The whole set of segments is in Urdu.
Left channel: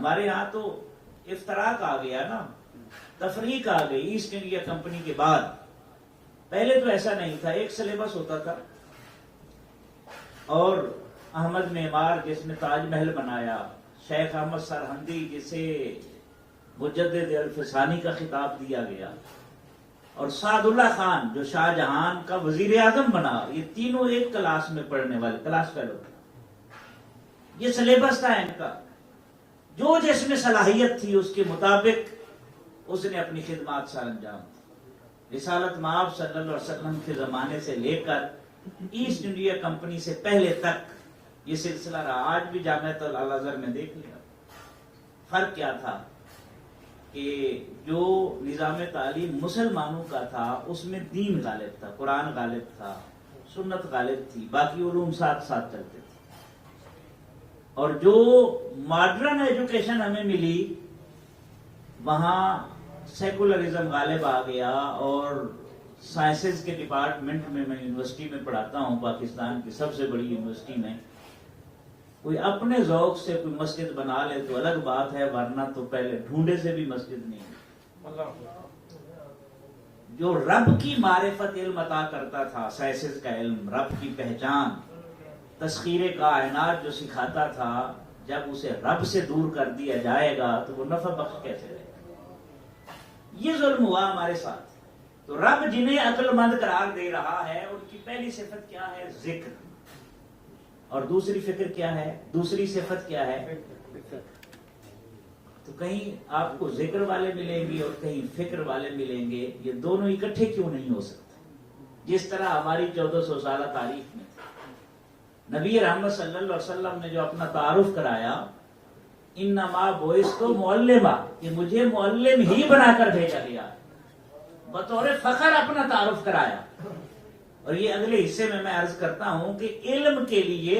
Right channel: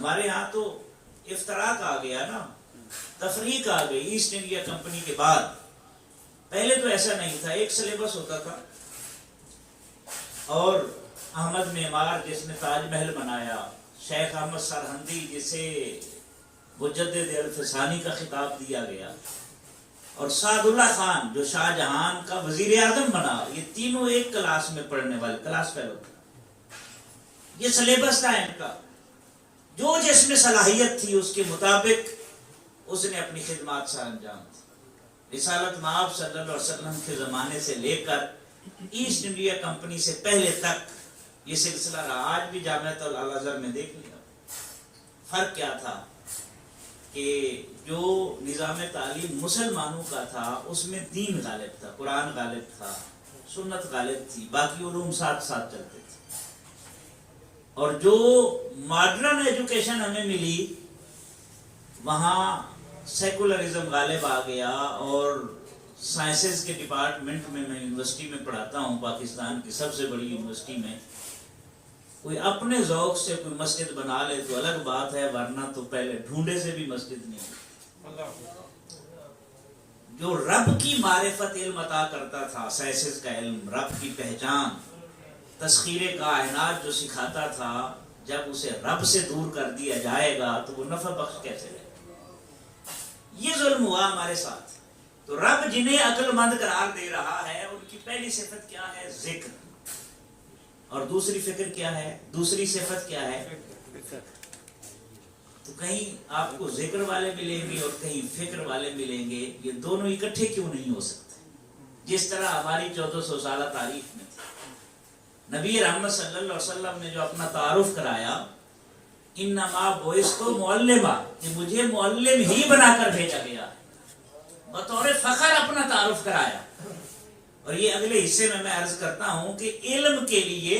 ہمارے ہاں تو افتراق آ گیا نا، تفریق آ گئی ایسٹ انڈیا کمپنی کے بعد. پہلے تو ایسا نہیں تھا، ایک سلیبس ہوتا تھا. اور احمد معمار جس نے تاج محل بنایا، شیخ احمد سرہندی جسے مجدد الفسانی کا خطاب دیا گیا، اور سعد اللہ خان جو شاہ جہان کا وزیر اعظم بنا، یہ تینوں ایک کلاس میں پڑھنے والے کلاس فیلو تھے. یہ سلیبس تھا ان کا. جو جس میں صلاحیت تھی اس کے مطابق اس نے اپنی خدمات سر انجام دی. رسالت مآب صلی اللہ علیہ وسلم کے زمانے سے لے کر ایسٹ انڈیا کمپنی سے پہلے تک یہ سلسلہ رہا. آج بھی جامعۃ الازہر میں دیکھ لیا فرق کیا تھا کہ جو نظام تعلیم مسلمانوں کا تھا اس میں دین غالب تھا، قرآن غالب تھا، سنت غالب تھی، باقی علوم ساتھ ساتھ چلتے تھے. اور جو ماڈرن ایجوکیشن ہمیں ملی وہاں سیکولرزم غالب آ گیا. اور سائنسز کے ڈپارٹمنٹ میں یونیورسٹی میں پڑھاتا ہوں، پاکستان کی سب سے بڑی یونیورسٹی میں. کوئی اپنے ذوق سے کوئی مسجد بنا لے تو الگ بات ہے، ورنہ تو پہلے ڈھونڈے سے بھی مسجد نہیں. جو رب کی معرفت علم عطا کرتا تھا، سائنسز کا علم، رب کی پہچان، تسخیر کائنات جو سکھاتا تھا، جب اسے رب سے دور کر دیا جائے گا تو وہ نفع بخش کیسے رہے گا؟ یہ ظلم ہوا ہمارے ساتھ. تو رب جنہیں عقل مند قرار دے رہا ہے ان کی پہلی صفت کیا ہے؟ ذکر. اور دوسری فکر کیا ہے؟ دوسری صفت کیا ہے؟ تو کہیں آپ کو ذکر والے ملیں گے اور کہیں فکر والے ملیں گے. یہ دونوں اکٹھے کیوں نہیں ہو سکتے؟ جس طرح ہماری 1400 سالہ تاریخ میں تھی، نبی رحمت صلی اللہ علیہ وسلم نے جو اپنا تعارف کرایا، انما بعثت معلما، کہ مجھے معلم ہی بنا کر بھیجا گیا، بطور فخر اپنا تعارف کرایا. اور یہ اگلے حصے میں عرض کرتا ہوں کہ علم کے لیے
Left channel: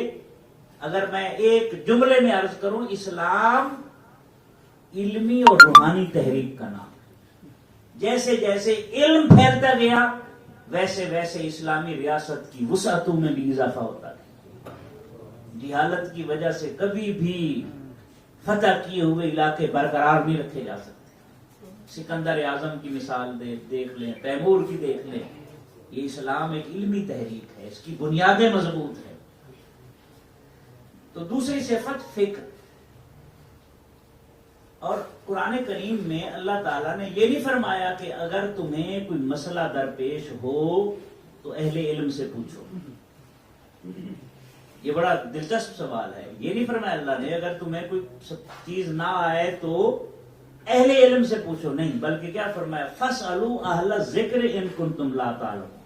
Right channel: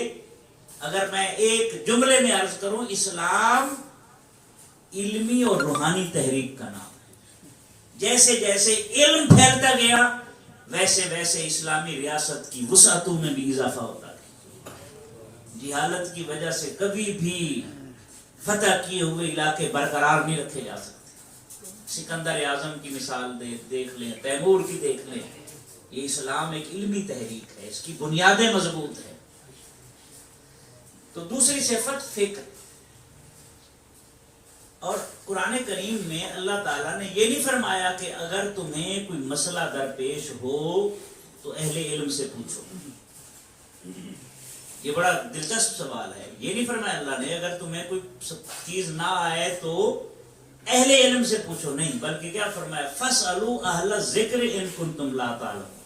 اگر میں ایک جملے میں عرض کروں، اسلام علمی اور روحانی تحریک کا نام ہے. جیسے جیسے علم پھیلتا گیا ویسے ویسے اسلامی ریاست کی وسعتوں میں بھی اضافہ ہوتا گیا. جہالت کی وجہ سے کبھی بھی فتح کیے ہوئے علاقے برقرار نہیں رکھے جا سکتے. سکندر اعظم کی مثال دیکھ لیں، تیمور کی دیکھ لیں. یہ اسلام ایک علمی تحریک ہے، اس کی بنیادیں مضبوط ہیں. تو دوسری صفت فکر. اور قرآن کریم میں اللہ تعالیٰ نے یہ نہیں فرمایا کہ اگر تمہیں کوئی مسئلہ درپیش ہو تو اہل علم سے پوچھو. یہ بڑا دلچسپ سوال ہے. یہ نہیں فرمایا اللہ نے اگر تمہیں کوئی چیز نہ آئے تو اہل علم سے پوچھو، نہیں، بلکہ کیا فرمایا؟ فَاسْأَلُوا أَهْلَ الذِّكْرِ إِن كُنتُمْ لَا تَعْلَمُونَ.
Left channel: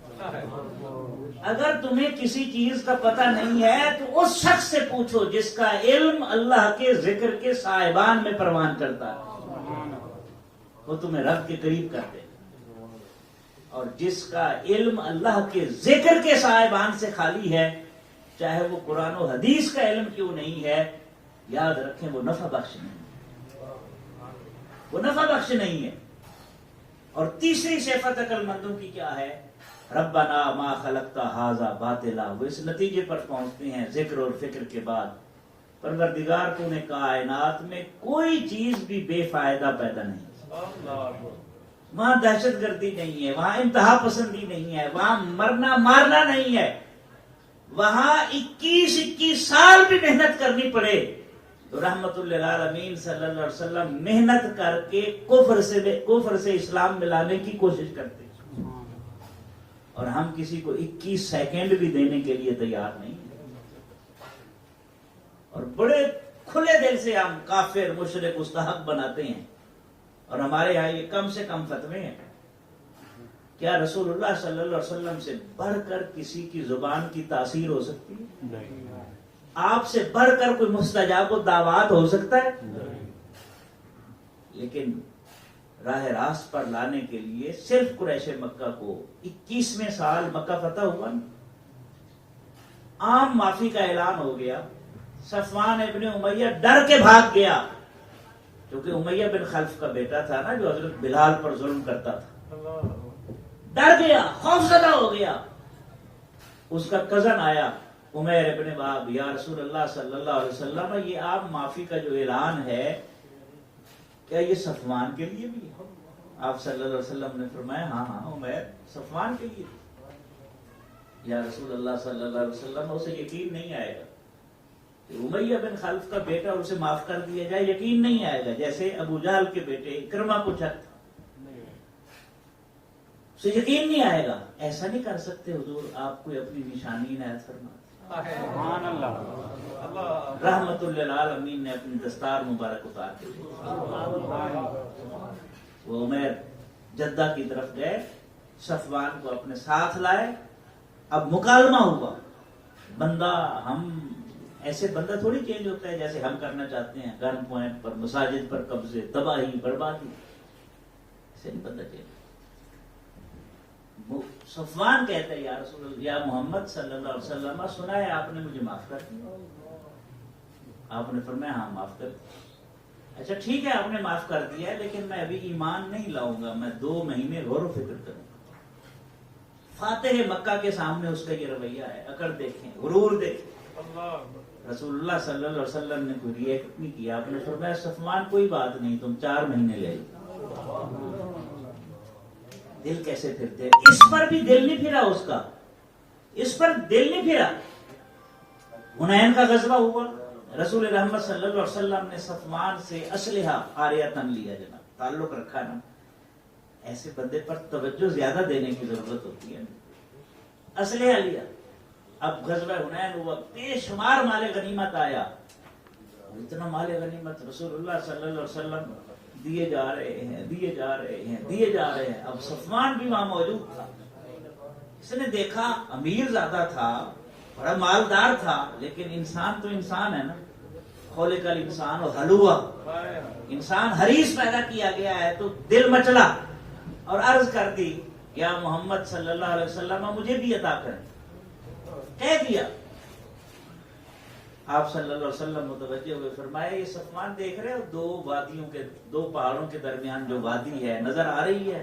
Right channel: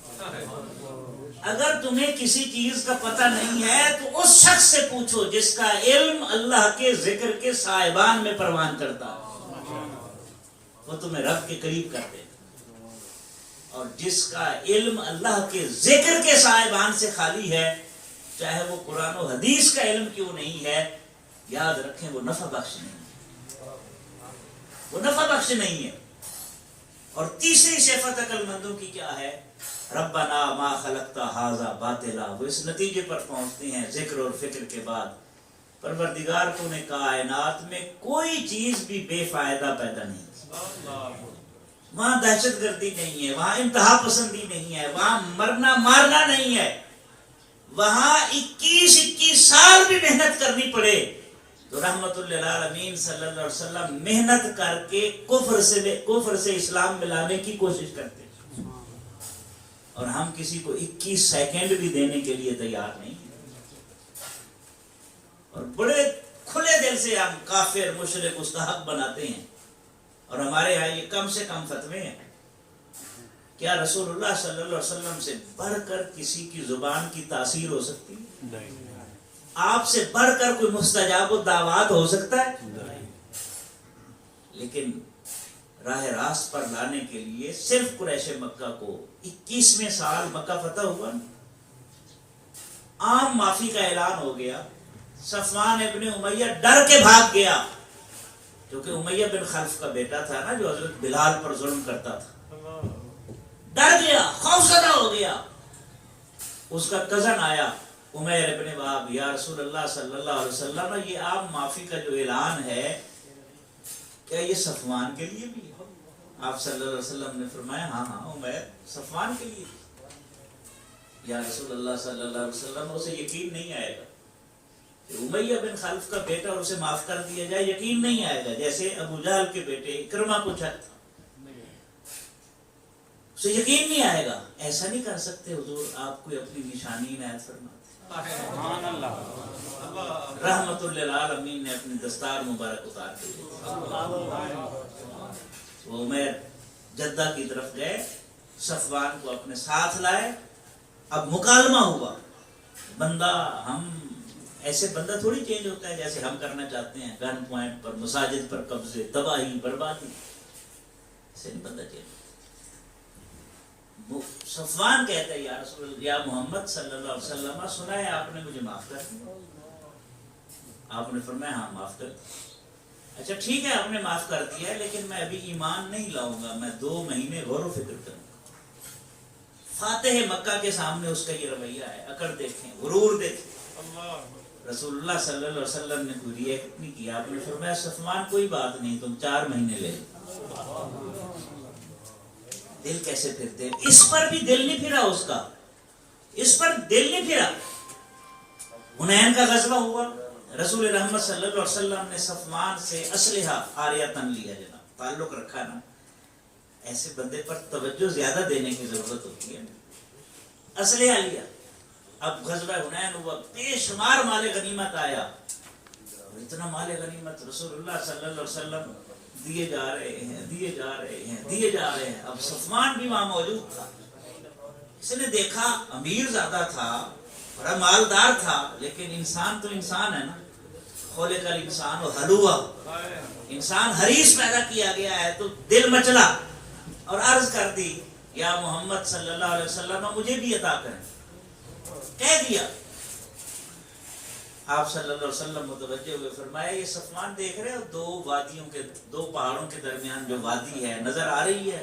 اگر تمہیں کسی چیز کا پتہ نہیں ہے تو اس شخص سے پوچھو جس کا علم اللہ کے ذکر کے صاحبان میں پروان کرتا ہے، وہ تمہیں رب کے قریب کر دے گا. اور جس کا علم اللہ کے ذکر کے صاحبان سے خالی ہے، چاہے وہ قرآن و حدیث کا علم کیوں نہیں ہے، یاد رکھیں وہ نفع بخش نہیں ہے، وہ نفع بخش نہیں ہے. اور تیسری صفت عقل مندوں کی کیا ہے؟ ربنا ما خلقت ھذا باطلا. وہ اس نتیجے پر پہنچتے ہیں ذکر اور فکر کے بعد، پروردگار تو نے کائنات میں کوئی چیز بھی بے فائدہ پیدا نہیں. وہاں دہشت گردی نہیں ہے، وہاں انتہا پسندی نہیں ہے، وہاں مرنا مارنا نہیں ہے. وہاں 21 سال بھی محنت کرنی پڑے تو رحمت للعالمین صلی اللہ علیہ وسلم محنت کر کے کفر سے اسلام میں لانے کی کوشش کرتے. اور ہم کسی کو 21 سیکنڈ بھی دینے کے لیے تیار نہیں. اور بڑے کھلے دل سے ہم کافر مشرک مستحق بناتے ہیں. اور ہمارے یہاں یہ کم سے کم فتوے ہیں. کیا رسول اللہ صلی اللہ علیہ وسلم سے بڑھ کر کسی کی زبان کی تاثیر ہو سکتی ہے؟ آپ سے بڑھ کر کوئی مستجاب الدعوات ہو سکتا ہے؟ لیکن راہ راست پر لانے کے لیے صرف قریش مکہ کو 21ویں سال مکہ فتح ہوا. عام معافی کا اعلان ہو گیا. صفوان ابن امیہ ڈر کے بھاگ گیا، کیونکہ امیہ بن خلف کا بیٹا تھا نا جو حضرت بلال پر ظلم کرتا تھا. ڈر گیا، خوف زدہ ہو گیا. اس کا کزن آیا عمیر ابن وہب، یا رسول اللہ صلی اللہ علیہ وسلم، یہ عام معافی کا جو اعلان ہے کیا یہ صفوان کے لیے بھی ہے؟ آپ صلی اللہ علیہ وسلم نے فرمایا ہاں ہاں عمیر صفوان کے لیے. یا رسول اللہ صلی اللہ علیہ وسلم اسے یقین نہیں آئے گا کہ امیہ بن خلف کا بیٹا اسے معاف کر دیا جائے, یقین نہیں آئے گا. جیسے ابو جہل کے بیٹے اکرمہ کو شک تھا, اسے یقین نہیں آئے گا. ایسا نہیں کر سکتے حضور, آپ کوئی اپنی نشانی عنایت فرماتے. رحمت للعالمین نے اپنی دستار مبارک اتار دی. وہ عمیر جدہ کی طرف گئے, صفوان کو اپنے ساتھ لائے. اب مکالمہ ہوا. بندہ ہم ایسے بندہ تھوڑی چینج ہوتا ہے جیسے ہم کرنا چاہتے ہیں, گن پوائنٹ پر, مساجد پر قبضے, تباہی, بربادی. ایسے نہیں بندہ چینج. صفوان کہتا ہے یا رسول اللہ, یا محمد صلی اللہ علیہ وسلم, سنا ہے آپ نے مجھے معاف کر دیا. آپ نے فرمایا ہاں معاف کر دیا. اچھا ٹھیک ہے آپ نے معاف کر دیا ہے, لیکن میں ابھی ایمان نہیں لاؤں گا, میں 2 مہینے غور و فکر کروں گا. فاتح مکہ کے سامنے اس کا یہ رویہ ہے. اکڑ دیکھیں, غرور دیکھیں. رسول اللہ صلی اللہ علیہ وسلم نے کوئی ریئیکٹ نہیں کیا. آپ نے فرمایا صفوان کوئی بات نہیں, تم 4 مہینے لے لو. دل کیسے پھرتے ہیں, اس پر بھی دل نہیں پھرا اس کا, اس پر دل نہیں پھرا. حنین کا غزوہ ہوا, رسول رحمت صلی اللہ علیہ وسلم نے صفوان سے اسلحہ عاریتاً لیا. جناب تعلق رکھا نا, ایسے بندے پر توجہ زیادہ دینے کی ضرورت ہوتی ہے. اسلحہ لیا. اب غزوہ حنین ہوا, بے شمار مال غنیمت آیا, اور اتنا مال غنیمت رسول اللہ صلی اللہ علیہ وسلم دیے جا رہے ہیں, دیے جا رہے ہیں, دیے جا رہے ہیں. اب صفوان بھی وہاں موجود تھا. اس نے دیکھا امیر زیادہ تھا, بڑا مالدار تھا, لیکن انسان تو انسان ہے نا. خلق الانسان حلوہ, انسان حریص پیدا کیا گیا ہے. تو دل مچلا اور عرض کر دی یا محمد صلی اللہ علیہ وسلم مجھے بھی عطا کریں. کہہ دیا. آپ صلی اللہ علیہ وسلم متوجہ ہوئے, فرمایا یہ صفوان دیکھ رہے ہو, 2 وادیوں کے, 2 پہاڑوں کے درمیان جو وادی ہے نظر آ رہی ہے؟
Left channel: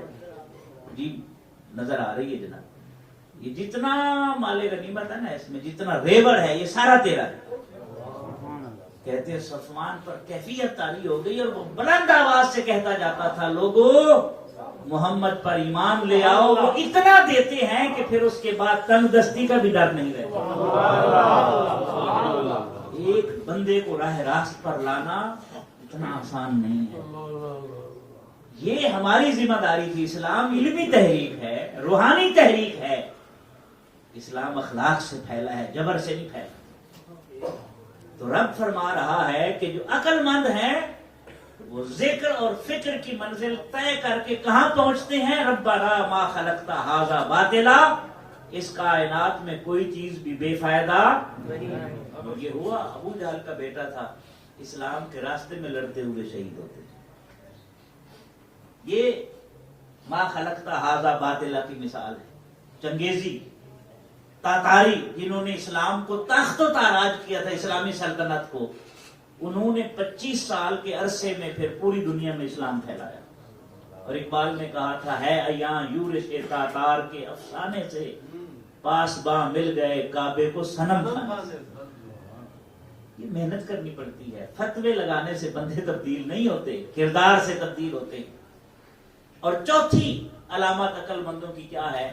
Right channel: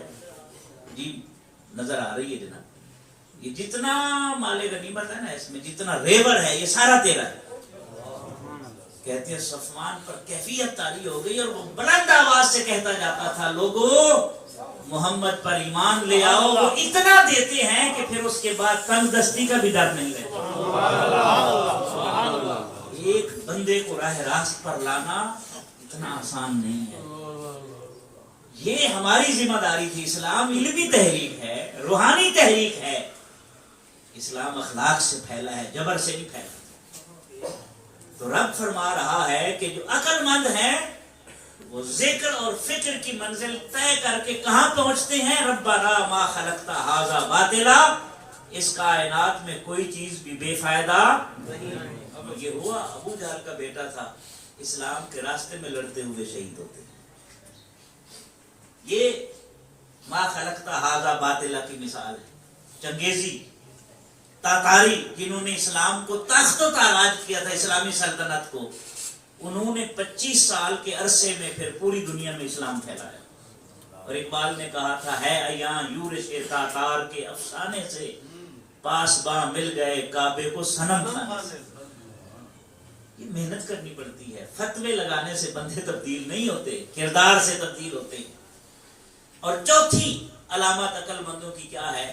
جی نظر آ رہی ہے جناب. یہ جتنا مال غنیمت ہے نا, اس میں جتنا ریبر ہے یہ سارا تیرا ہے. کہتے ہیں صفوان پر کیفیت طاری ہو گئی, اور وہ بلند آواز سے کہتا جاتا تھا لوگوں محمد پر ایمان لے آؤ. وہ اتنا دیتے ہیں کہ پھر اس کے بعد تنگ دستی کا بھی ڈر نہیں رہتا. ایک بندے کو راہ راست پر لانا اتنا آسان نہیں ہے. یہ ہماری ذمہ داری تھی. اسلام علمی تحریک ہے, روحانی تحریک ہے. اسلام اخلاق سے پھیلا ہے, جبر سے نہیں پھیلا. تو رب فرما رہا ہے کہ جو عقل مند ہیں وہ ذکر اور فکر کی منزل طے کر کے کہاں پہنچتے ہیں؟ ربنا ما خلقت ھذا باطلا, اس کائنات میں کوئی چیز بھی بے فائدہ نہیں. اب یہ ہوا, ابو جہل کا بیٹا تھا, اسلام کے راستے میں لڑتے ہوئے شہید ہوتے. یہ ما خلقت ھذا باطلا کی مثال ہے. چنگیزی, تاتاری, جنہوں نے اسلام کو تخت و تاراج کیا تھا, اسلامی سلطنت کو, انہوں نے 25 سال کے عرصے میں پھر پوری دنیا میں اسلام پھیلایا. اور اقبال نے کہا تھا ہے ایاں یورش تاتار کے افسانے سے, پاس باں مل گئے کعبے کو صنم خانے. یہ محنت کرنی پڑتی ہے. فتوے لگانے سے بندے تبدیل نہیں ہوتے, کردار سے تبدیل ہوتے ہیں. اور چوتھی علامت عقل مندوں کی کیا ہے؟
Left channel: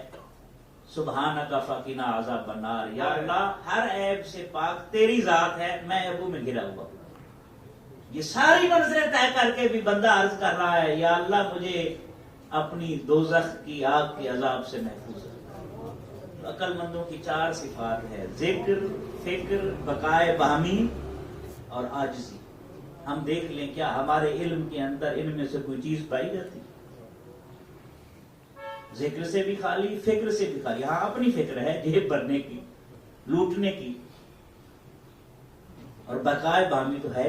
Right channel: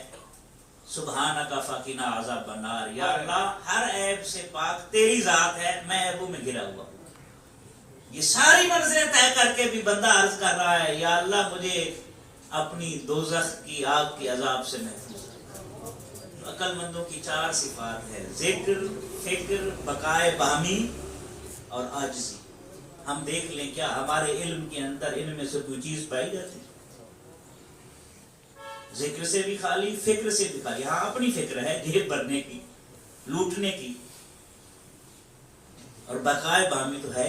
سبحانک فقنا عذاب النار. یا اللہ ہر عیب سے پاک تیری ذات ہے, میں عیبوں میں گھرا ہوا. یہ ساری منزلیں طے کر کے بھی بندہ عرض کر رہا ہے یا اللہ مجھے اپنی دوزخ کی آگ کی عذاب سے محفوظ کر. عقل مندوں کی 4 صفات ہے: ذکر, فکر, بقائے باہمی اور عاجزی. ہم دیکھ لیں کیا ہمارے علم کے اندر ان میں سے کوئی چیز پائی جاتی؟ ذکر سے بھی خالی, فکر سے بھی خالی. ہاں اپنی فکر ہے جیب بھرنے کی, لوٹنے کی, اور بقائے باہمی تو ہے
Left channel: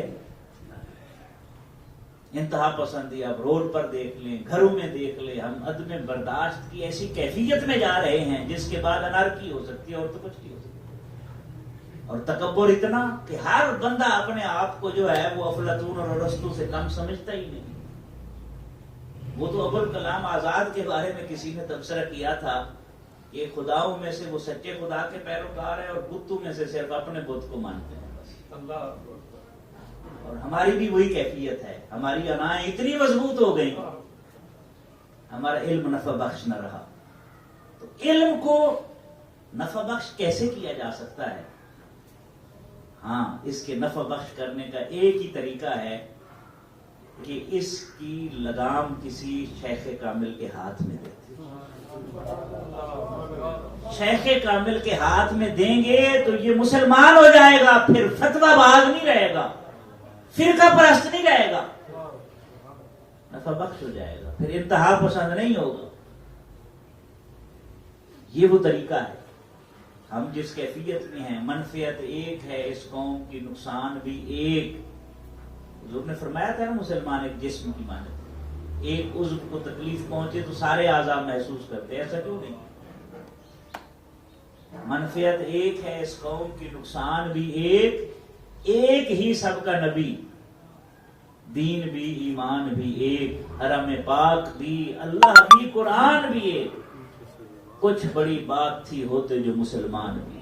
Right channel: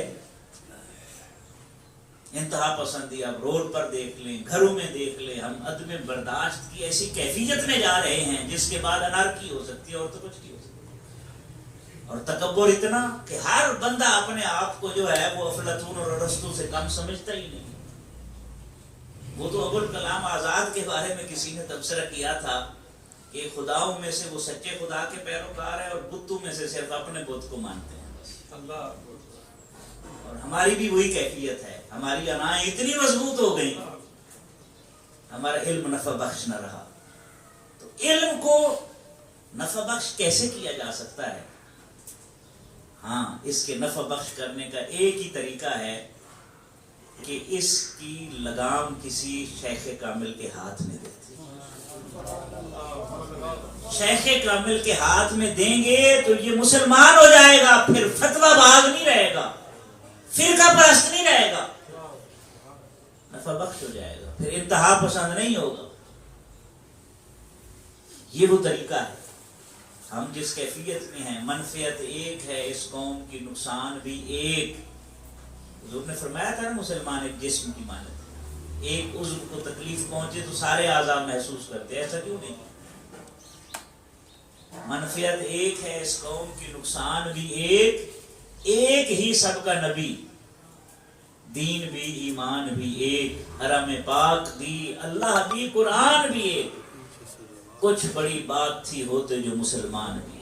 انتہا پسندی. اب روڈ پر دیکھ لیں, گھروں میں دیکھ لیں, ہم عدم برداشت کی ایسی کیفیت میں جا رہے ہیں جس کے بعد انارکی ہو سکتی ہے اور تو کچھ نہیں ہو سکتی. اور تکبر اتنا کہ ہر بندہ اپنے آپ کو جو ہے وہ افلاطون اور ارسطو سے کم سمجھتا ہی نہیں. وہ تو ابوالکلام آزاد کے بارے میں کسی نے تبصرہ کیا تھا کہ خداؤں میں سے وہ سچے خدا کے پیروکار ہیں اور بتوں میں سے صرف اپنے بت کو مانتے ہیں. بس اللہ اور ہماری بھی وہی کیفیت ہے، ہماری انائیں اتنی مضبوط ہو گئی، ہمارا علم نفع بخش نہ رہا۔ تو علم کو نفع بخش کیسے کیا جا سکتا ہے؟ ہاں، اس کے نفع بخش کرنے کا ایک ہی طریقہ ہے کہ اس کی لگام کسی شیخ کامل کے ہاتھ میں رہتی ہے۔ شیخ کامل کے ہاتھ میں دیں گے تو یہ مسلمان ہو جائے گا، پھر فتویٰ باز نہیں رہے گا، فرقہ پرست نہیں رہے گا، نفع بخش ہو جائے گا، پھر انتہا پسند نہیں ہوگا۔ یہ وہ طریقہ ہے۔ ہم جس کیفیت میں ہیں، منفعت ایک ہے اس قوم کی، نقصان بھی ایک۔ حضور نے فرمایا تھا نا، مسلمان ایک جسم کی مانند، ایک عضو کو تکلیف پہنچے تو سارے اعضاء محسوس کرتے، ایسا کیوں نہیں؟ منفعت ایک ہے اس قوم کی، نقصان بھی ایک ہی سب کا نبی، دین بھی ایمان بھی ایک، حرم پاک بھی، اللہ بھی، قرآن بھی ایک۔ کچھ بڑی بات تھی ہوتے جو مسلمان بھی